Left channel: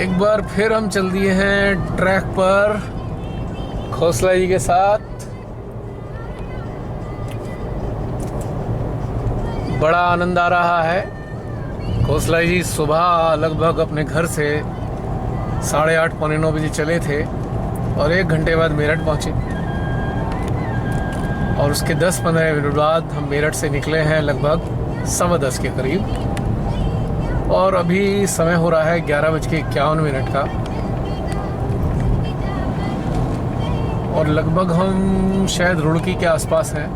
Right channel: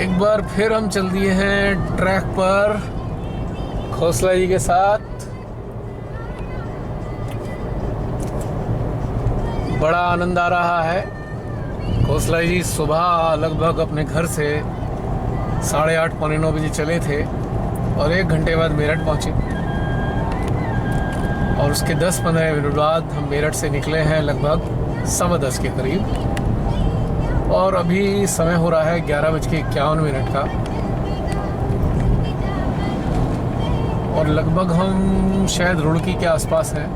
एक बार फिर हम चल दिए हैं ट्रैक पर खोसला जी के साथ। बड़ा आनंद आ रहा है। खोसला जी सुबह लगभग अपने घर से 8:30 पौने 9 बजे चले थे और 1 घंटे बाद मेरठ पहुँचे और उसके 10-15 मिनट बाद हम मेरठ से निकले हैं लगभग 10:15 के करीब और अभी समय हो रहा है 11:51 का और लगभग हम शायद रुड़की के आसपास हैं।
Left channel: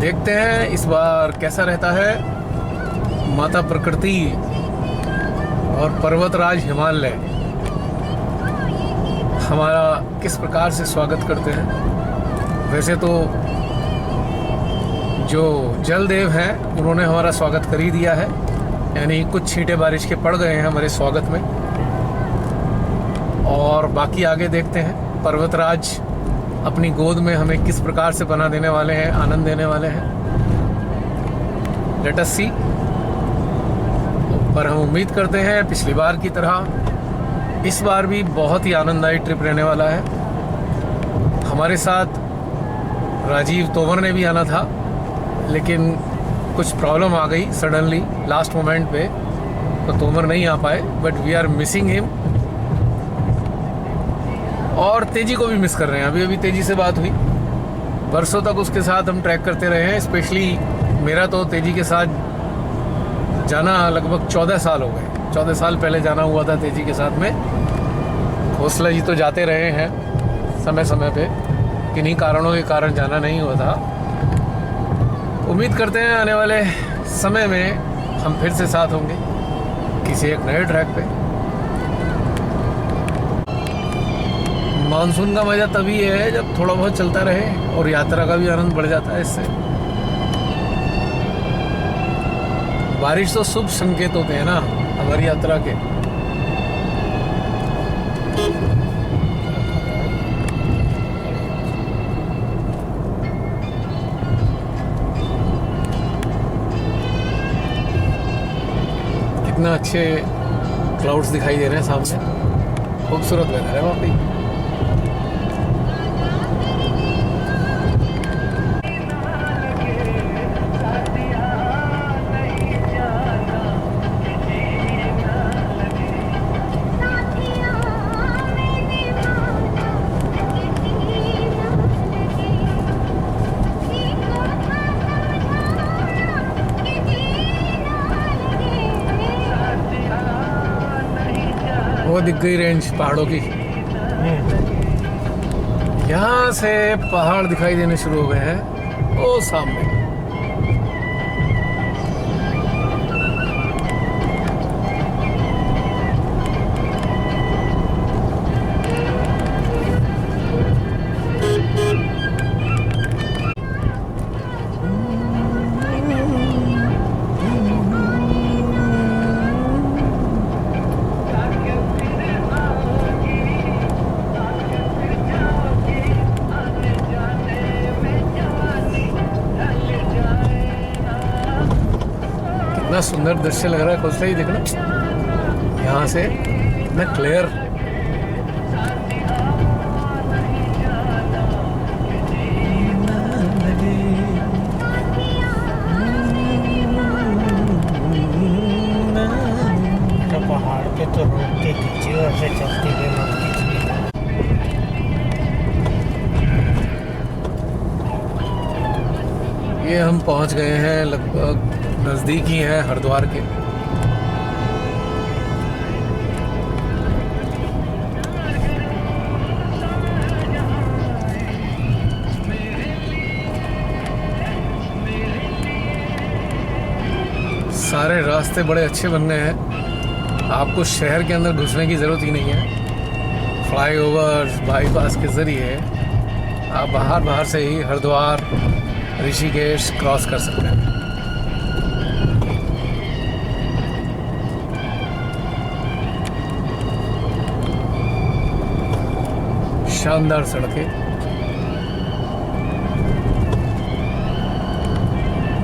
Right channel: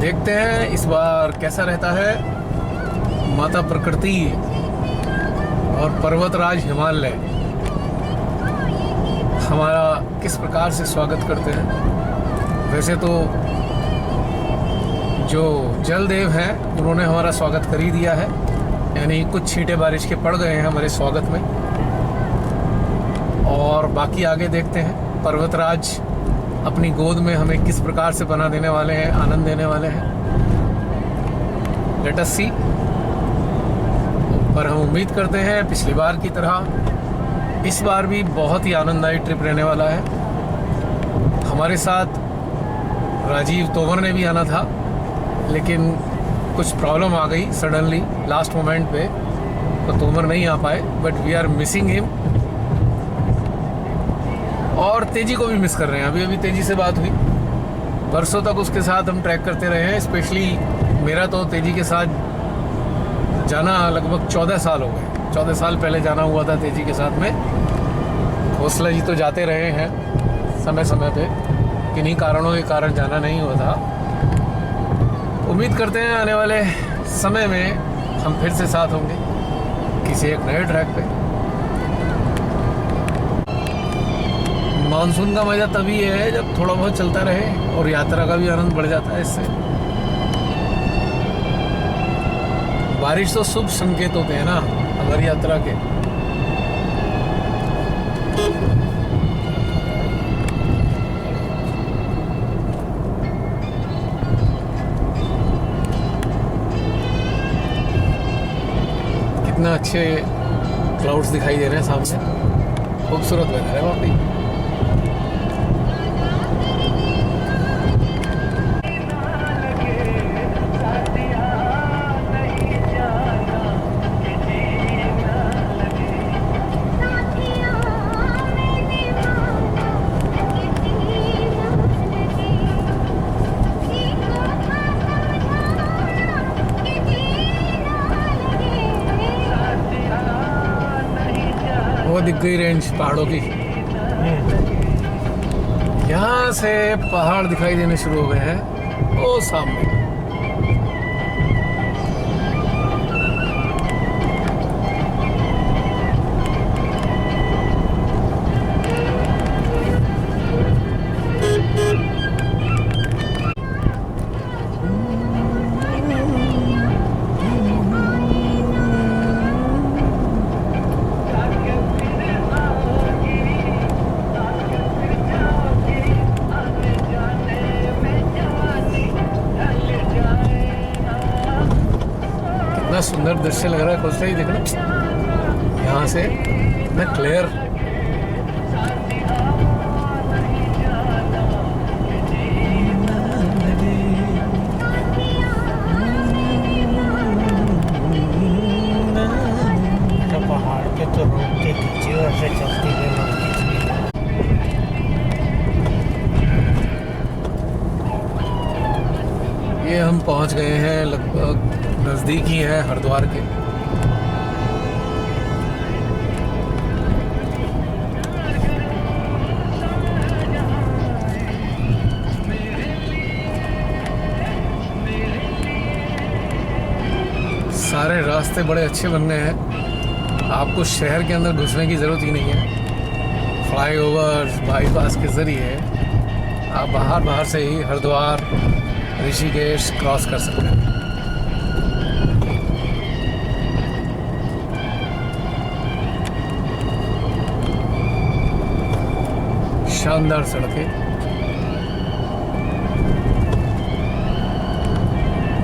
देखते हैं इस बार कैसा रहता है। माता प्रकृति और पर्वतराज हिमालय हमारा किस प्रकार से स्वागत करते हैं। वैसे तो जो जलदेव हैं उन्होंने हमारा स्वागत कर ही दिया है, यानी कुछ छींटे बारिश के पड़ गए हैं हमारे स्वागत में। और बाकी आगे देखते हैं पर्वतराज अपनी गोद में हमें किस प्रकार से बना देने वाले हैं, आनंद देने वाले हैं। लेट अस सी। पर हम उम्मीद करते हैं पिछली बार की तरह इस बार भी बहुत ही आनंददायी ट्रिप रहने वाला है। हमारे साथ राजीव तोमर ने भी आना था लेकिन कुछ प्रॉब्लम आ गई सडनली लास्ट मोमेंट पे, तो तोमर नहीं आ पाए। But we are missing him और तेजी को भी मिस कर रहे हैं। अभी तेजी से बात हुई, बरसों तक उसके साथ हम ट्रैक करते रहे हैं। स्पेशली मेरा तो तेजी के साथ जाना लगभग 14 साल हो गए। 14 साल पहले जाना हुआ था तेजी के साथ में। खोसला जी तो जाते रहे हैं समय समय पे, किन्हीं कारणों के कारण जाना नहीं हुआ था। उम्मीद करते हैं आने वाले समय में हम फिर से साथ होंगे किसी एक नए ट्रैक पे। मानसून का मज़ा तभी है जब थोड़ा बहुत चलता रहे और यात्रा का भी आनंद बढ़ जाता है इससे। बारिश तो शुभ संकेत होते हैं ना हमारी यात्रा के। कितना अच्छे क्लाउड्स दिखाई दे रहे हैं सामने। खूबसूरत वेदर है वाकई। वो दिख गई रेंज पहाड़ों की। यहाँ से पहाड़ दिखाई देने शुरू हो गए हैं वो सामने। कितना सुंदर दृश्य लग रहा है खोसला ही देखना यहाँ से, कितना क्लियर। तो पहाड़ पे तो रोक के खींचे और से चलते हुए मत खींचिए। ये हम पहुँच गए हैं, लगभग नज़दीक ही है हरिद्वार के। सारे रास्ते बड़े अच्छे बन गए हैं, आपको शहर के अंदर घुसने की ज़रूरत ही नहीं है। फ्लाईओवर्स, बाईपास के ज़रिए आप बाहर से ही हरिद्वार, ऋषिकेश क्रॉस कर सकते हैं। शानदार सड़कें।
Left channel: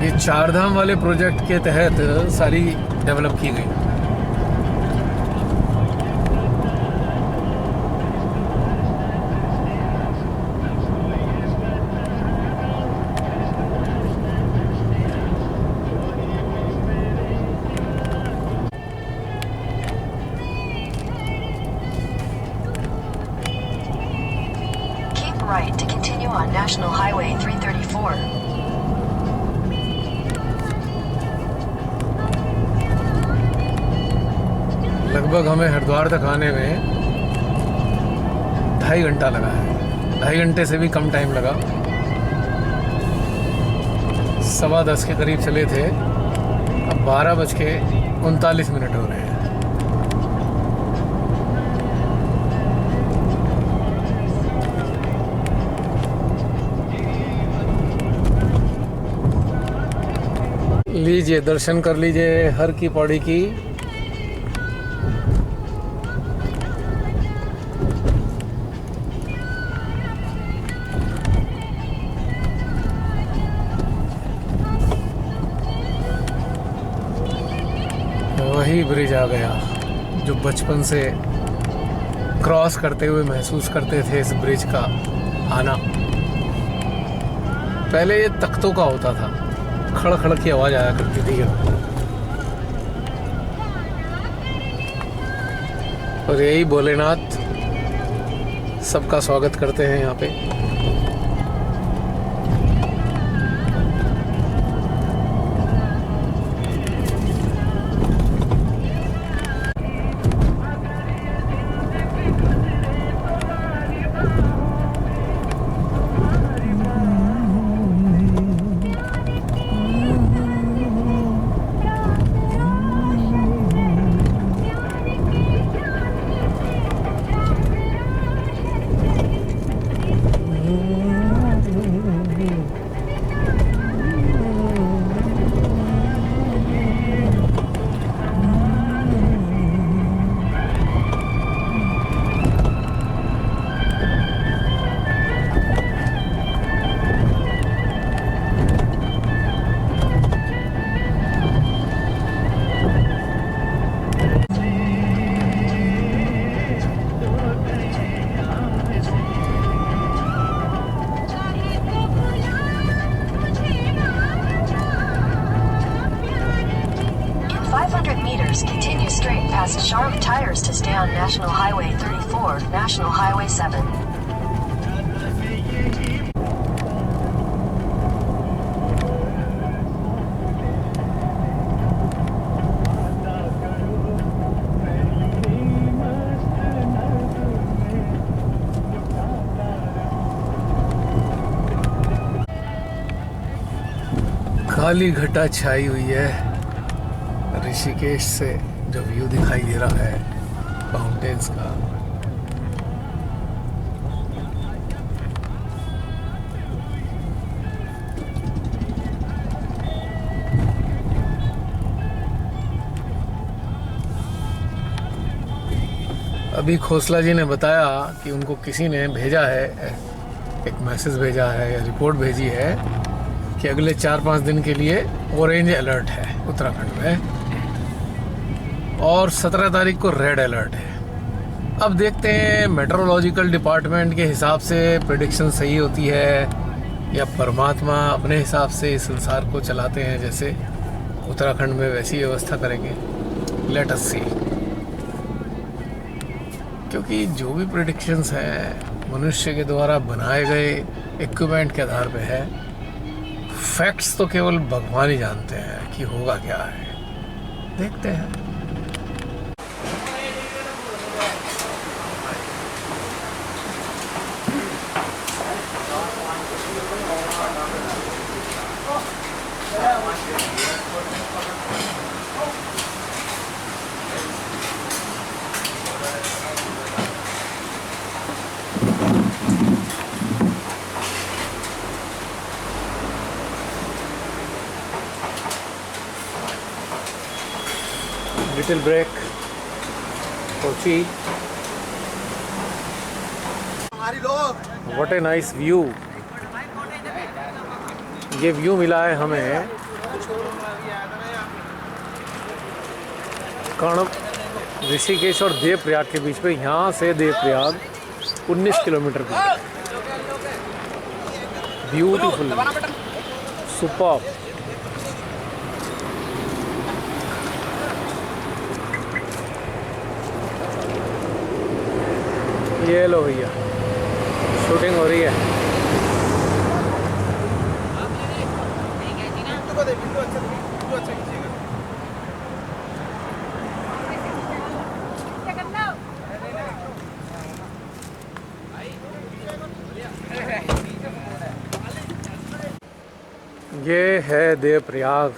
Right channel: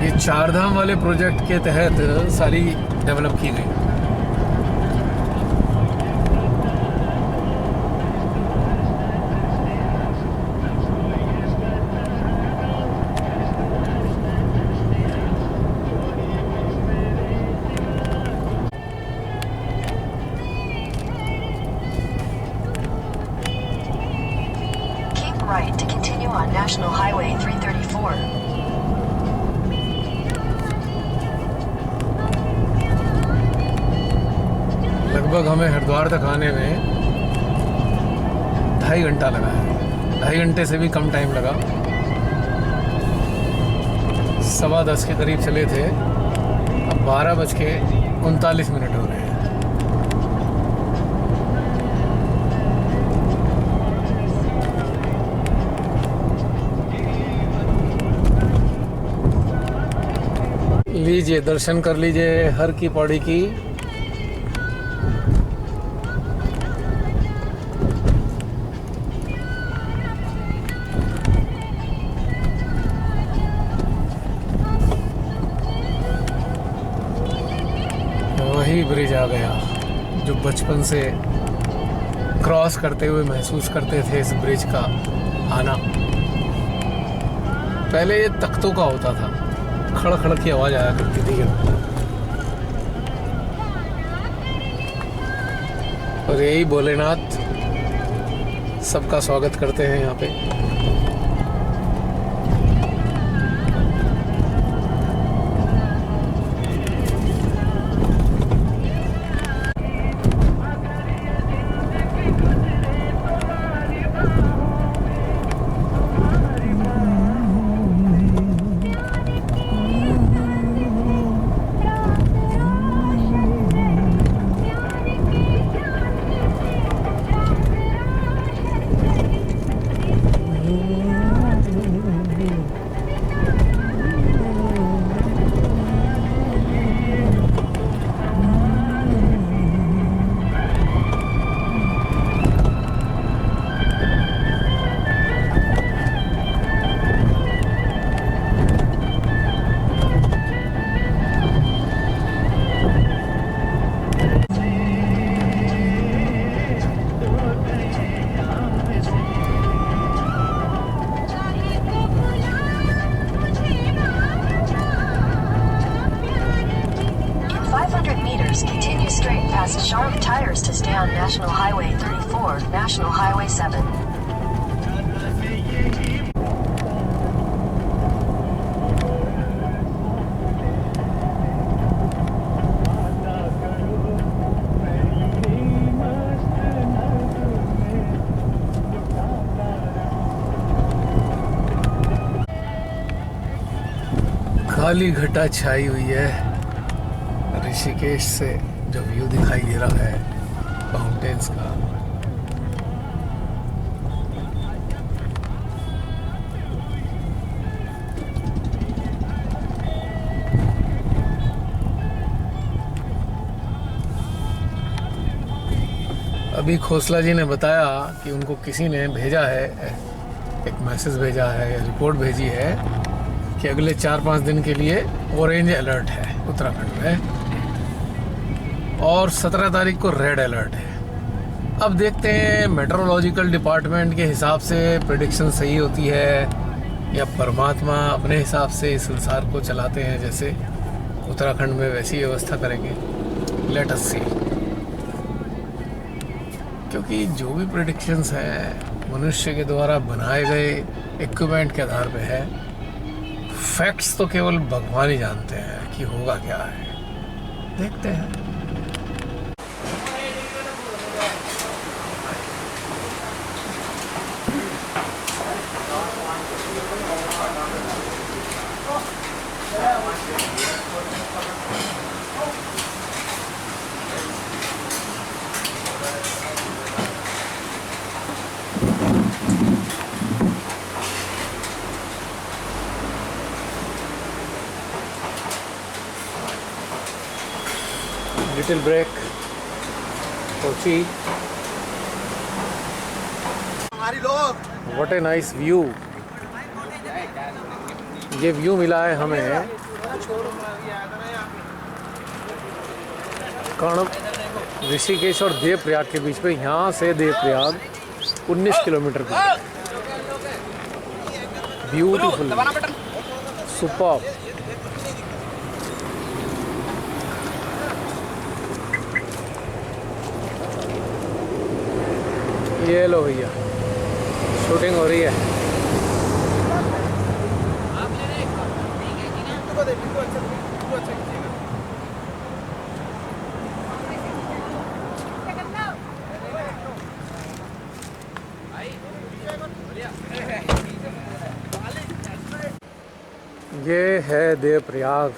ये चारधाम वाले प्रोजेक्ट के तहत सारी डेवलप की गई। National Highway 334. लगभग हमें हरिद्वार तक आने में 2.5 घंटा लगा है। 2.5 घंटे से भी कम टाइम लगा। 10:15 के करीब चले थे, अब 12:39 हो रहे हैं। लीजिए, दर्शन कर लीजिए हर की पौड़ी की। वही ब्रिज आ गया जो बचपन से क्रॉस करते हुए महसूस करते थे इस ब्रिज का आना। पहले ये तख्तों का होता था, खड़ खड़ की आवाज आया करती थी। और यही भोलेनाथ सबका स्वागत करते हैं यहाँ पे। Continue straight past sharp tires to stay on National Highway 34, National Highway 7. काली घटा छाई हुई है। ऋषिकेश से जो व्यू दिखाई दे रहा है माउंटेन्स का, अभी खोसला जी ने बताया कि उनको किसी ने भेजा है, एक मैसेज भेजा है या रिपोर्ट भेजी है कि अगले 4-5 दिन के लिए ऑरेंज अलर्ट है उत्तराखंड में और 17 तारीख को रेड अलर्ट है। अब देखते हैं मेट्रोलॉजिकल डिपार्टमेंट के हिसाब से प्रेडिक्शन सही होती है या परमात्मा अपने हिसाब से इस संसार को चलाते हैं, जैसे उत्तराखंड में वैसी व्यवस्था करेंगे। लेट अस सी। क्योंकि जो भी प्रेडिक्शंस हैं मनुष्य के द्वारा बनाए गए इक्विपमेंट के आधार पे है। फैक्ट्स तो केवल भगवान ही जानते हैं कि होगा क्या है। देखते हैं। Little break for tea. What a nice view. ये व्यू मिला है हमें कर्ण ऋषिकेश और देवप्रयाग के बीच में। यहाँ से देवप्रयाग 19 किलोमीटर दूर। Beautiful, super. ये लो भैया, शूटिंग हो रही है। है देवप्रयाग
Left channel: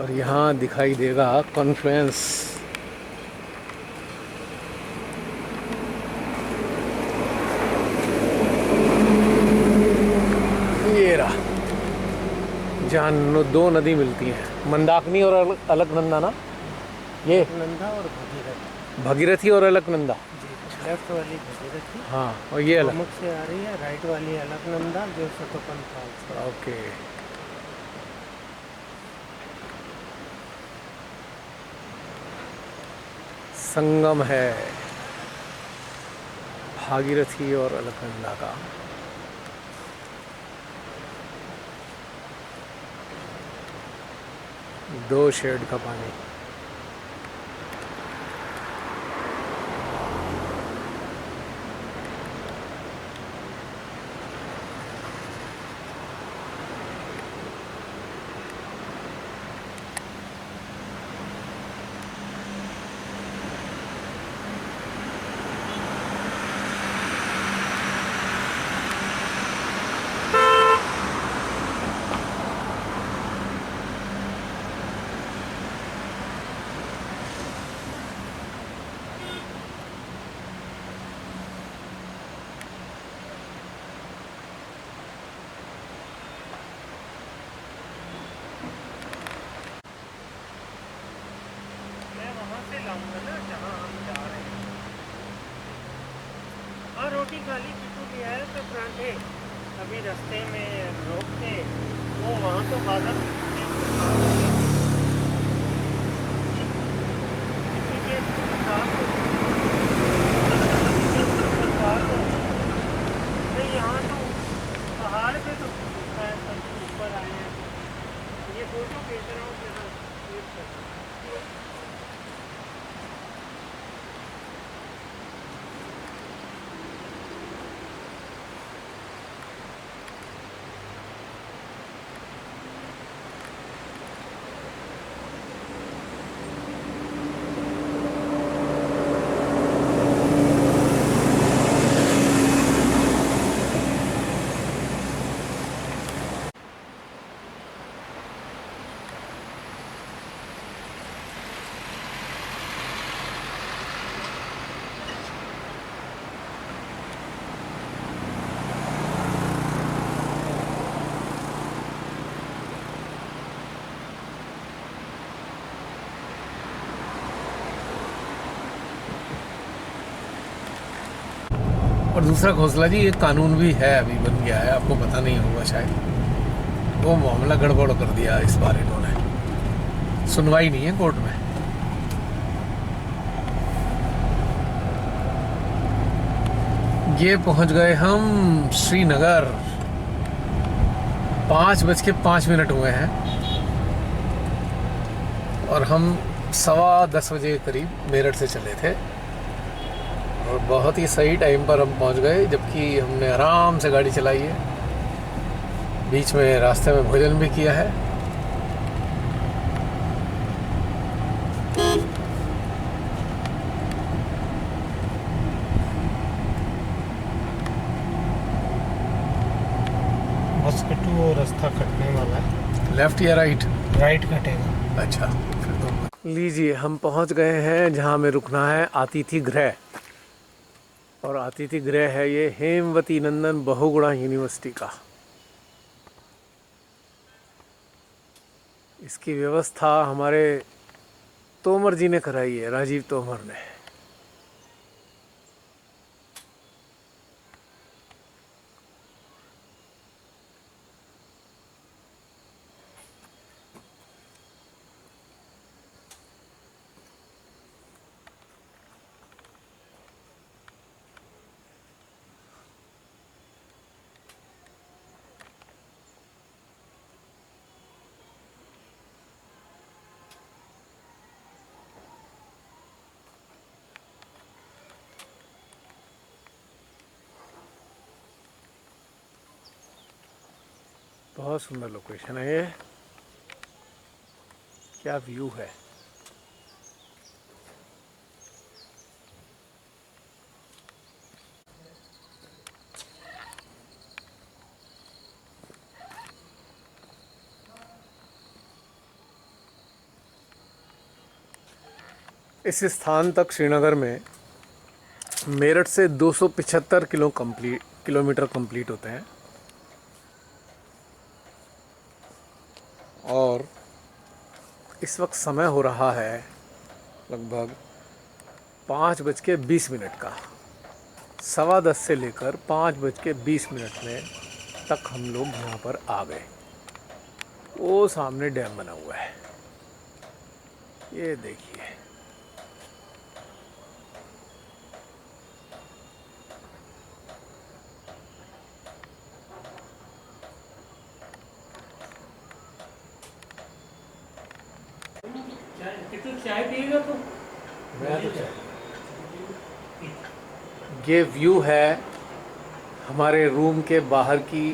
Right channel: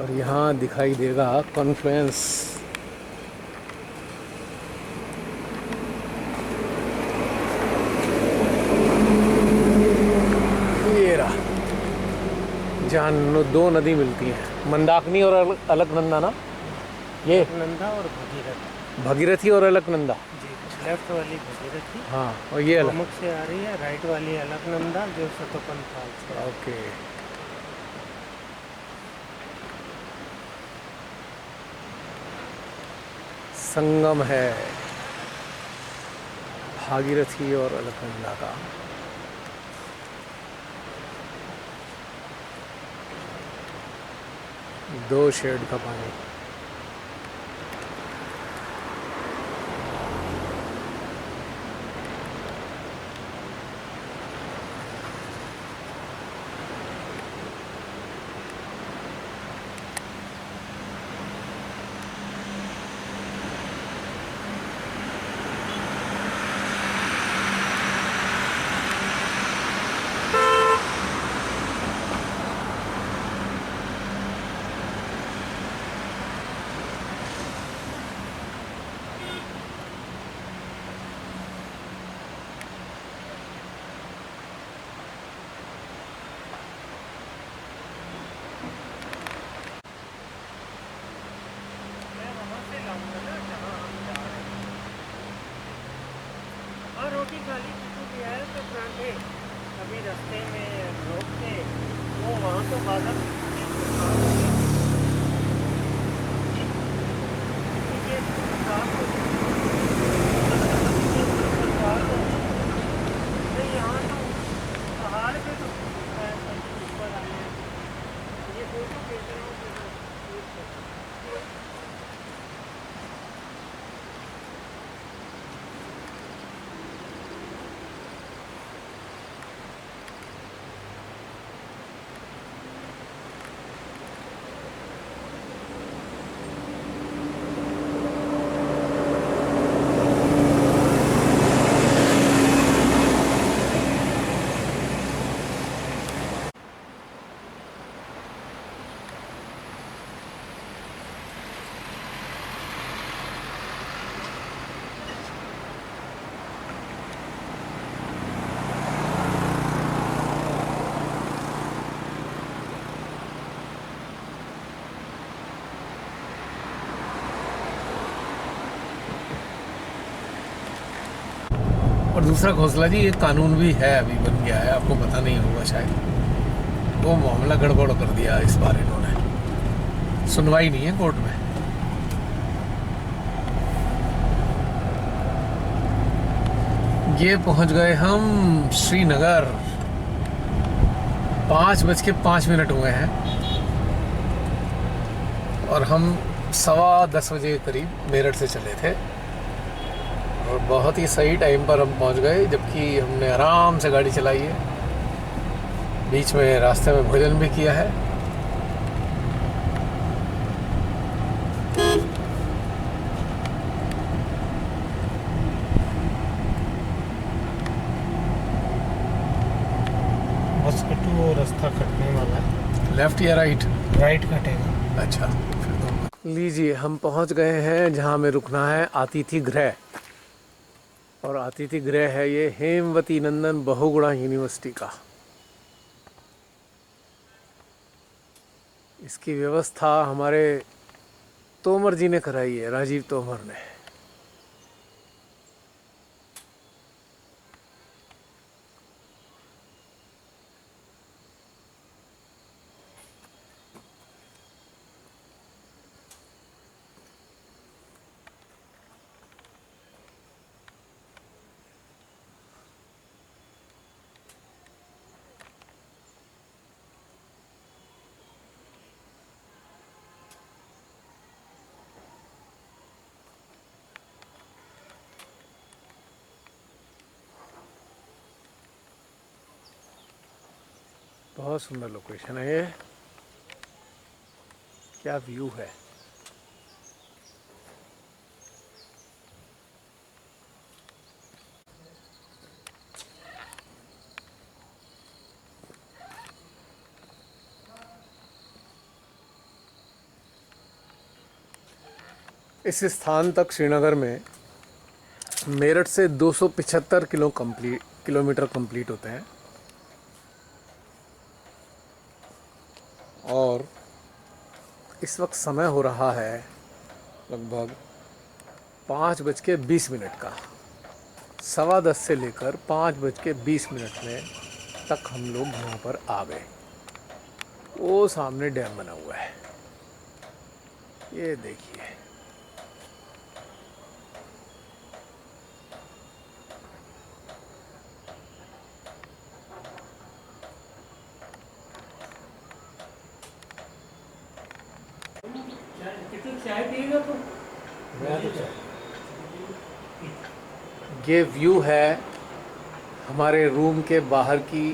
और यहाँ दिखाई देगा कॉन्फ्लुएंस। ये रहा जहाँ दो नदी मिलती हैं, मंदाकिनी और अलकनंदा ना। ये नंदा और भगीरथ। भगीरथी और अलकनंदा। जी, लेफ्ट वाली भगीरथी हाँ, और ये अलग। गोमुख से आ रही है, राइट वाली अलकनंदा जो सतोपन फाल से। ओके। संगम है भागीरथी और अलकनंदा का। दो शेड का पानी। हाँ, रोटी खाली किटू की है तो परांठे अभी रास्ते में रोक के वो वहाँ तो बादल नहीं, यहाँ तो पहाड़ पे तो ऊपर आए हैं। ये फोटो भेज रहा हूँ जरा। और दूसरा घोंसला जी, एक कानून भी है, अभी बन गया है, आपको पता नहीं होगा शायद। वो मामला गड़बड़ कर दिया इस बार इन्होंने, सुनवाई नहीं है कोर्ट में। ये पहुंच गए हम श्रीनगर। 5:05 हुए हैं और हम 10:15 बजे के करीब मेरठ से चले थे और बहुत ही सही टाइम पर हम पहुंच गए, जबकि हमने आराम से गाड़ी चलाई है। बीच में रास्ते में भोजन भी किया है। बस कटू वो रास्ता कटने वाला है। लेफ्ट या राइट? राइट कटेगा। अच्छा, फिर तो लीजिए, हम पहुंच गए हैं जहां हमें रुकना है, अतिथि गृह। और अतिथि गृह है ये हेमवती नंदन बहुगुणा यूनिवर्सिटी का। इसकी व्यवस्था हमारे तोमर जी ने कराई है, राजीव तोमर ने। बहुत सुंदर लोकेशन है ये, क्या व्यू है। इस स्थान तक श्रीनगर में मेरठ से 275 किलोमीटर कंप्लीट होते हैं और इस वक्त समय हो रहा है लगभग 5:20 का। 10:15 से लेकर 5:20 में तक हम लोग यहाँ पर आ गए। वो सामने डैम बना हुआ है, ये देखिए। चाय पिएगा तो ये व्यू है हमारे रूम के बाहर की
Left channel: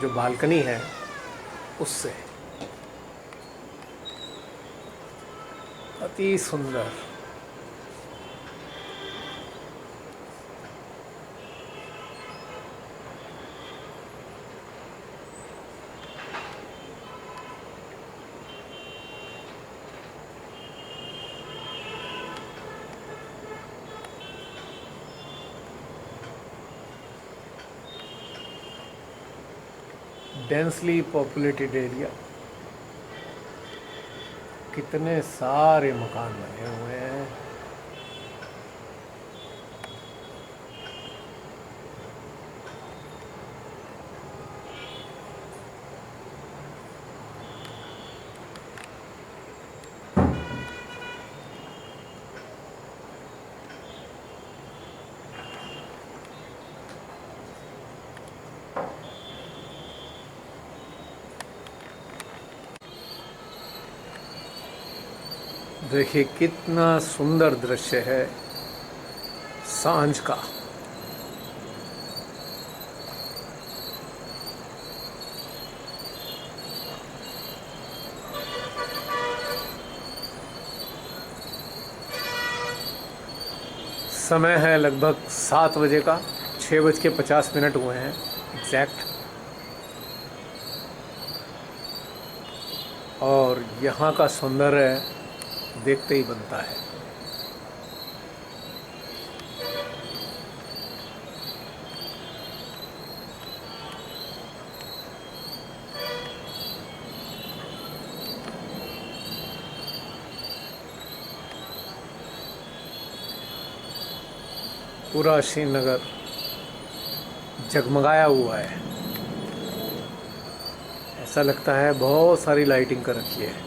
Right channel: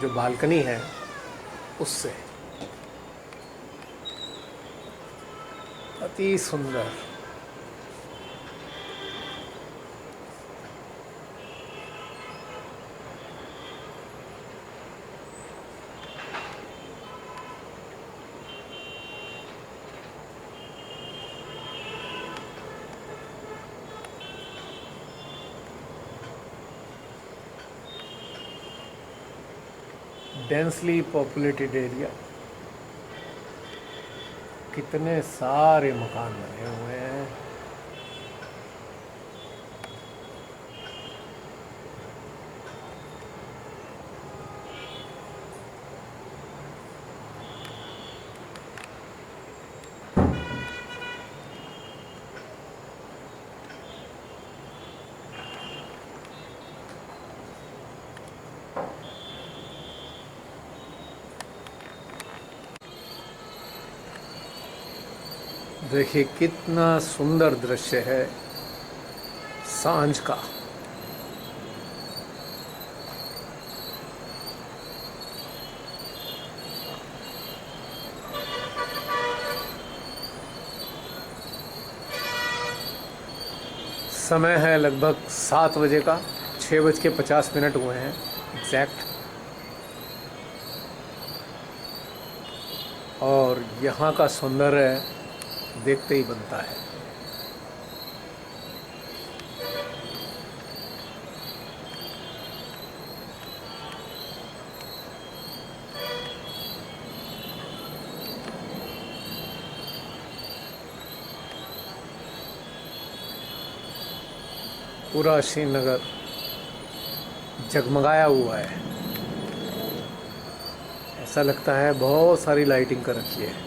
जो बालकनी है उससे, अति सुंदर। डेंसली पॉपुलेटेड एरिया, कितने सारे मकान बने हुए हैं। देखिए कितना सुंदर दृश्य है सांझ का। समय है लगभग 7 बजे का, 6:50 हुए हैं एग्जैक्ट। और यहाँ का सौंदर्य देखते ही बनता है। पूरा श्रीनगर जगमगाया हुआ है, ऐसा लगता है बहुत सारी लाइटिंग कर रखी है।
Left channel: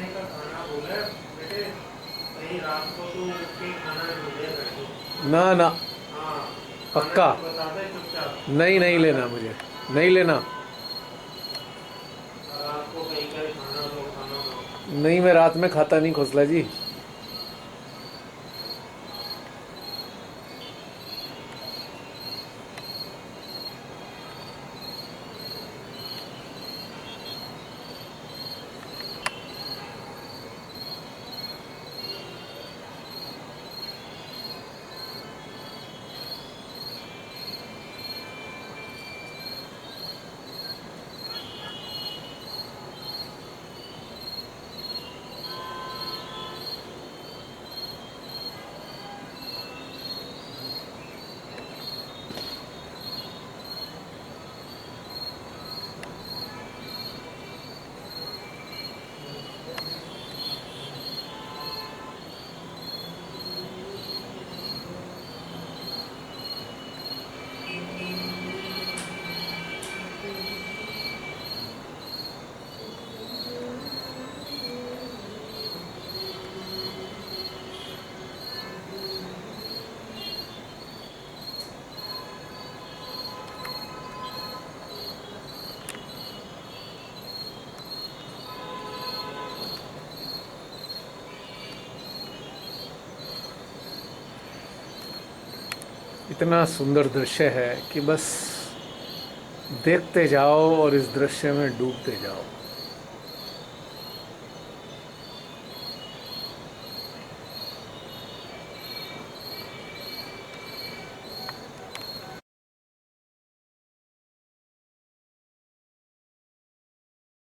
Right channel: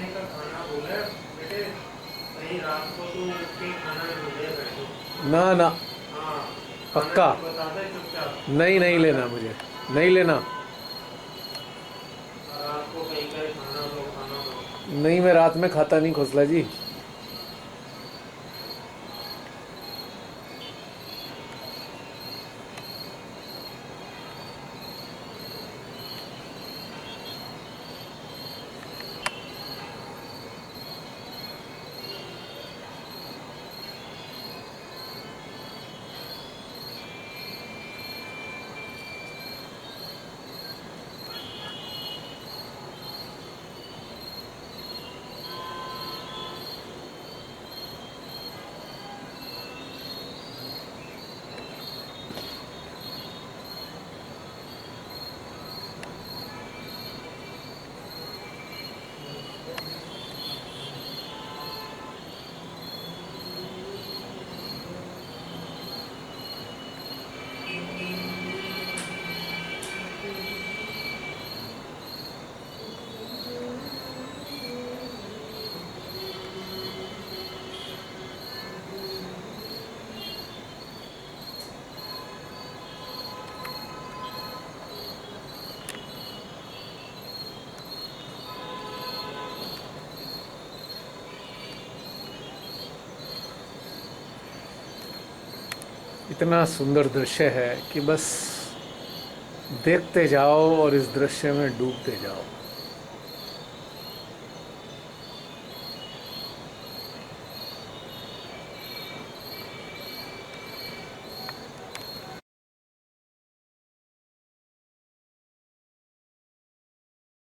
महीने का खाना बोला है बेटे, कहीं रात को तो उठ के खाना नहीं ले बैठो। ना ना, हाँ पक्का बता दे चुपचाप, नहीं लेना, मुझे नहीं लेना। रात को कहीं का खाना लो। नहीं, मैं रात में खाता नहीं खोसला जी। इतना सुंदर दृश्य है कि बस देखते जाओ और इस दृश्य में डूबते जाओ।